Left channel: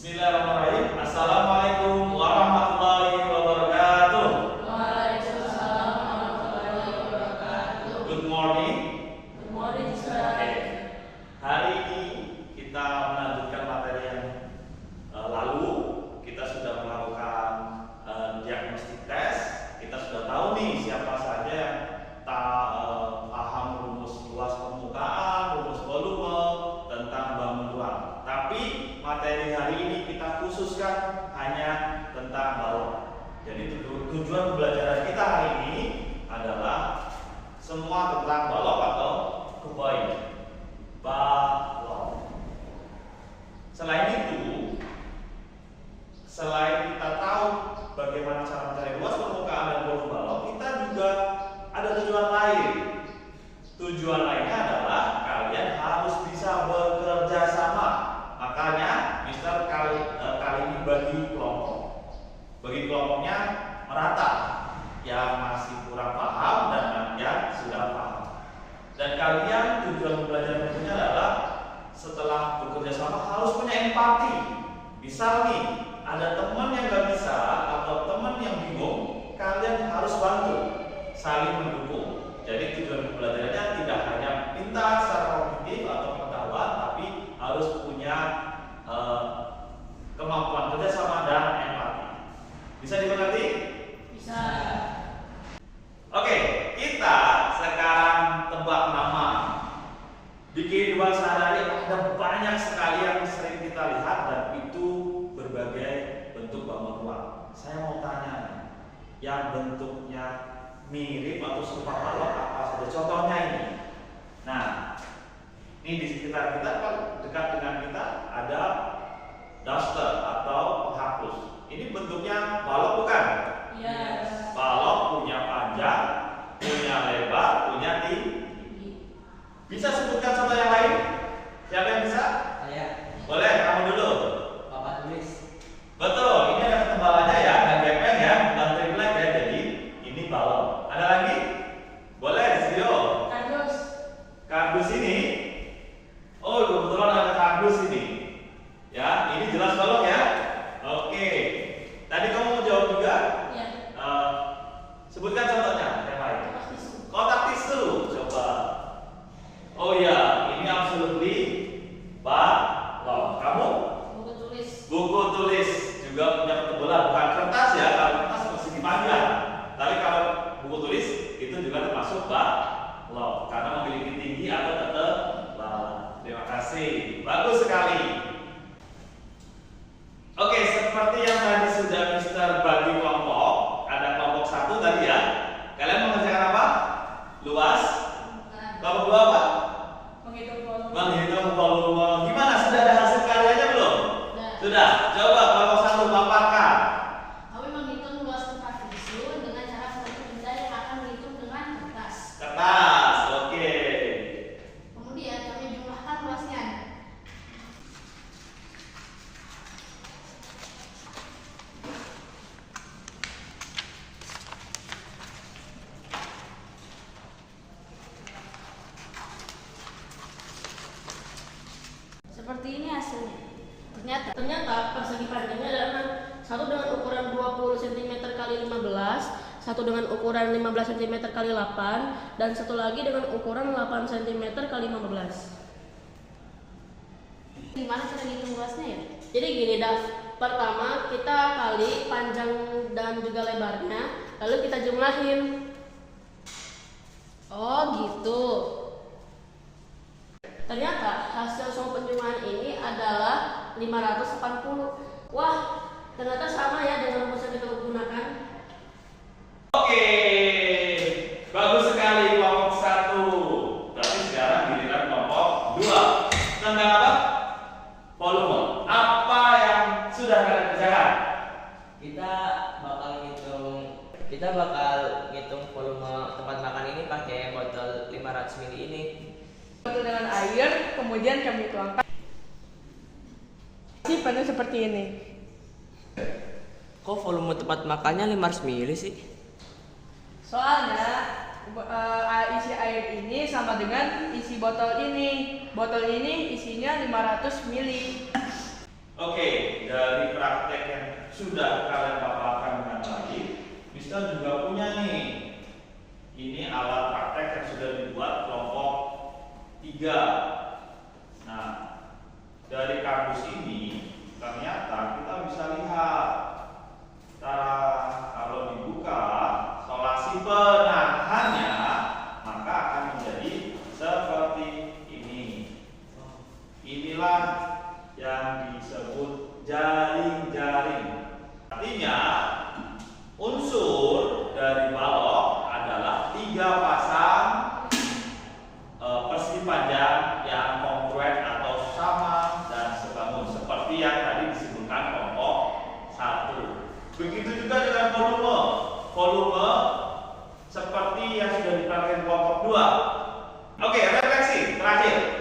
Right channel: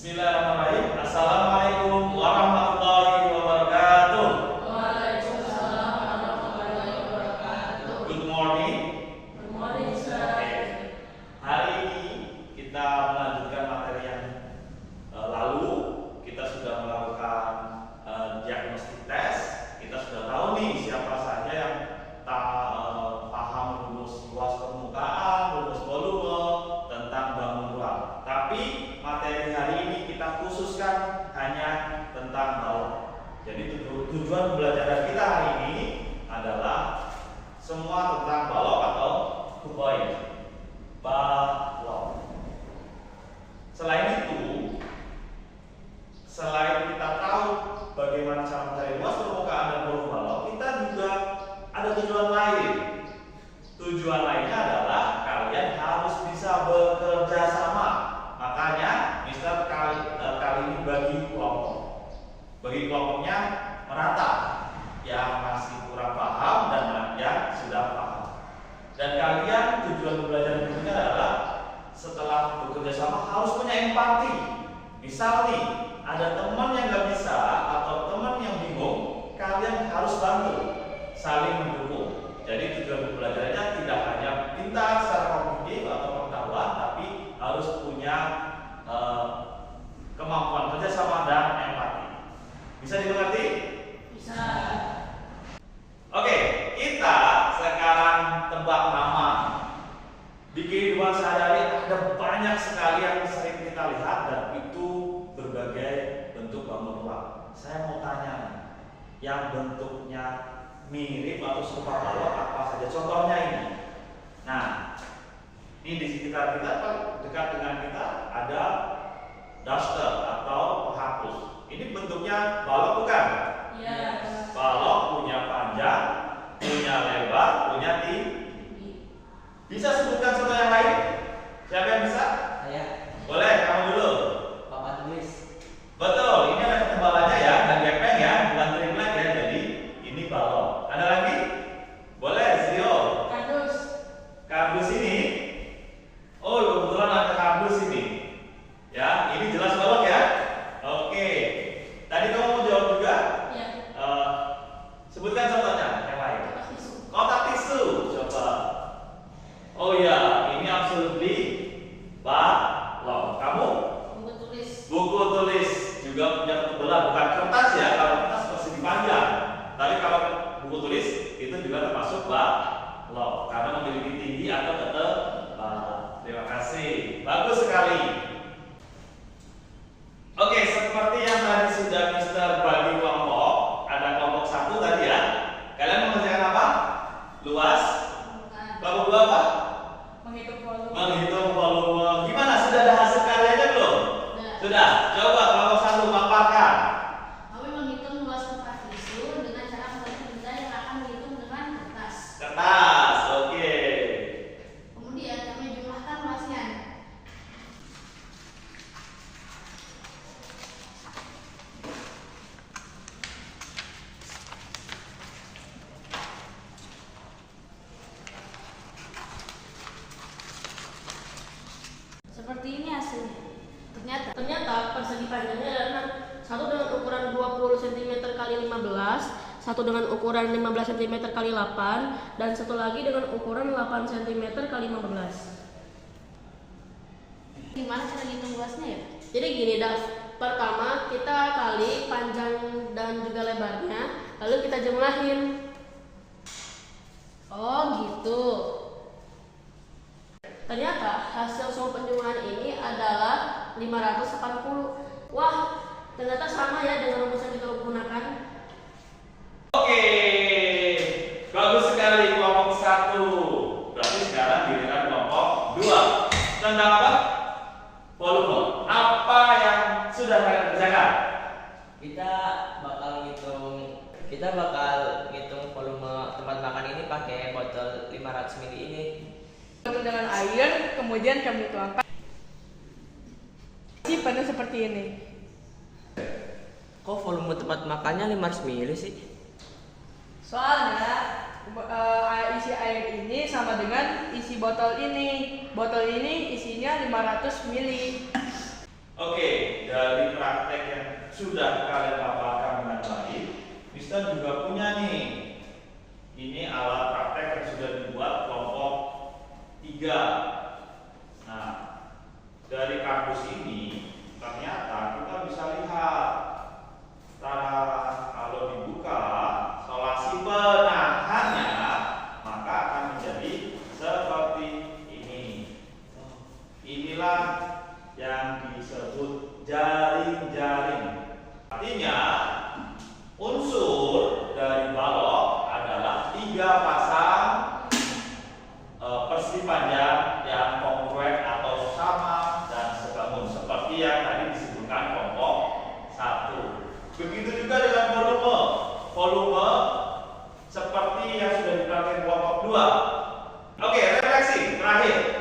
Bismillahirrahmanirrahim. Assalamualaikum warahmatullahi wabarakatuh. Waalaikumsalam warahmatullahi wabarakatuh. Good morning. Good morning, sir. Oke. Hari ini kita melanjutkan materi yang lalu. Kita sudah melakukan diagnostik tes. Kita sudah tahu nih siapa saja yang paham rumus luas permukaan, rumus volume, tentang bangun ruang. Tapi materi hari ini kita khususkan hanya tentang balok. Jadi tujuan pembelajaran kita hari ini adalah semua tentang balok atau kuboid. Balok. Selain itu, selain kita tahu bagaimana cara mencari luas permukaan dan volume balok, kita juga ada tujuan lain. Tujuan lainnya adalah kalian harus bisa bekerja sama. Makanya Mister kali ini bagi kelompok. Bagi kelompoknya merata, yang masih kurang paham dan yang sudah paham. Dan kalian tujuan belajar berikutnya adalah setelah bekerja sama harus punya empati. Misal nih, ada teman yang nggak bisa atau teman yang bingung, kalian harus bantu, saling mendukung. Jadi tujuan pembelajarannya tidak hanya pintar secara kognitif atau pengetahuan, tapi harus punya kemampuan kerjasama dan empati. Bisa dimengerti? Bisa. Oke, kita sekarang tebak nama. Di kehidupan sehari-hari ada banyak sekali yang sering kita lihat dan itu berbagai bentuk bangun ruang. Saya mau tanya nih, yang bentuknya mirip atau serupa balok apa saja? Contohnya ini. Nah, ini di sekitar kita, dekat dengan kita ada duster atau penghapus. Ini bentuknya balok bukan? Yes. Balok punya panjang, punya lebar, punya tinggi. Bisa sebutkan contoh yang lain? Siapa yang bisa? Saya. Boleh, kamu dulu. Papan tulis. Betul, ini ada ketebalannya ya, nggak gepeng ya, bukan triplek ya, jadi ini balok. Ada lagi? Boleh, Zio. Kardus. Kardus ini, oh kebetulan ada kardus ini. Ya, ini jelas balok ya. Oke, tadi kamu mau jawab juga? Ya. Sebutkan contohnya, yang lain. Kotak tisu. Kotak tisu, coba. Oh ya, ini absolutely balok. Kamu? Buku tulis. Buku tulis juga punya ketebalan, bukan kertas ya, kalau kertas persegi panjang. Tapi kalau buku tulis itu juga termasuk balok karena memiliki tinggi atau tebal. Terima kasih, bagus sekali. Oke, seperti yang tadi sudah Mister bagi kelompok, ada kelompok 1 tadi ya. Kalian mengerjakan apa? Luas. Bukan. Kelompok 2 apa? Menghitung volume. Menghitung volume. Gimana? Sudah ada hasil karyanya belum? Sudah. Sudah. Coba kelompok 1 paparkan. Kami menghitung luas tempat tisu dengan cara satu benda yang akan dihitung dengan kertas. Kertas. Oke. Kemudian kami jumlahkan luasnya. Seperti ini hasilnya. Ternyata persegi panjangnya adalah satu dengan ukuran 20 cm kali 15, satu dengan ukuran 15 cm kali 8, dan satu lagi dengan ukuran 8 cm kali 15. Gimana cara bikin luasnya ya? Jadi gini, Dav. Pertama kita kali panjang dan juga lebarnya, lalu kita jumlahin. Oh gitu. Ternyata hasil semua penjumlahan ini adalah 580. Wah, ternyata sama ya dengan rumus yang kita gunakan. Oke. Bagus sekali kelompok 1. Berarti sekarang giliran kelompok 2. Tentang apa? Volume. Apa yang sudah kalian kerjakan? Kita bakal ngitung volume tempat makan ini pakai botol 500 ml ini. Botol dengan air, kemudian kami tuangkan isi penuh seperti ini. Kok volume tempat makannya 500 ml sih? Soalnya isi air ini sama dengan isi botol ini. Botol ini isinya 500 ml. Oke, dari praktek yang sudah kalian paparkan dengan baik, Mister juga punya nih. Ini alat praktek yang sudah dibuat kelompok 3. Nah, dari kampus ini ternyata kita bisa lihat, kalau dibuka solasi penahannya, maka akan menjadi seperti ini. Inilah yang disebut jaring-jaring. Artinya unsur dari balok adalah 3 pasang persegi panjang yang kongruen atau sama dan sebangun seperti yang tadi disebutkan kelompok 1. Begitu juga dengan volume seperti yang sudah dipraktikkan kelompok 2. Oke, refleksi terakhir.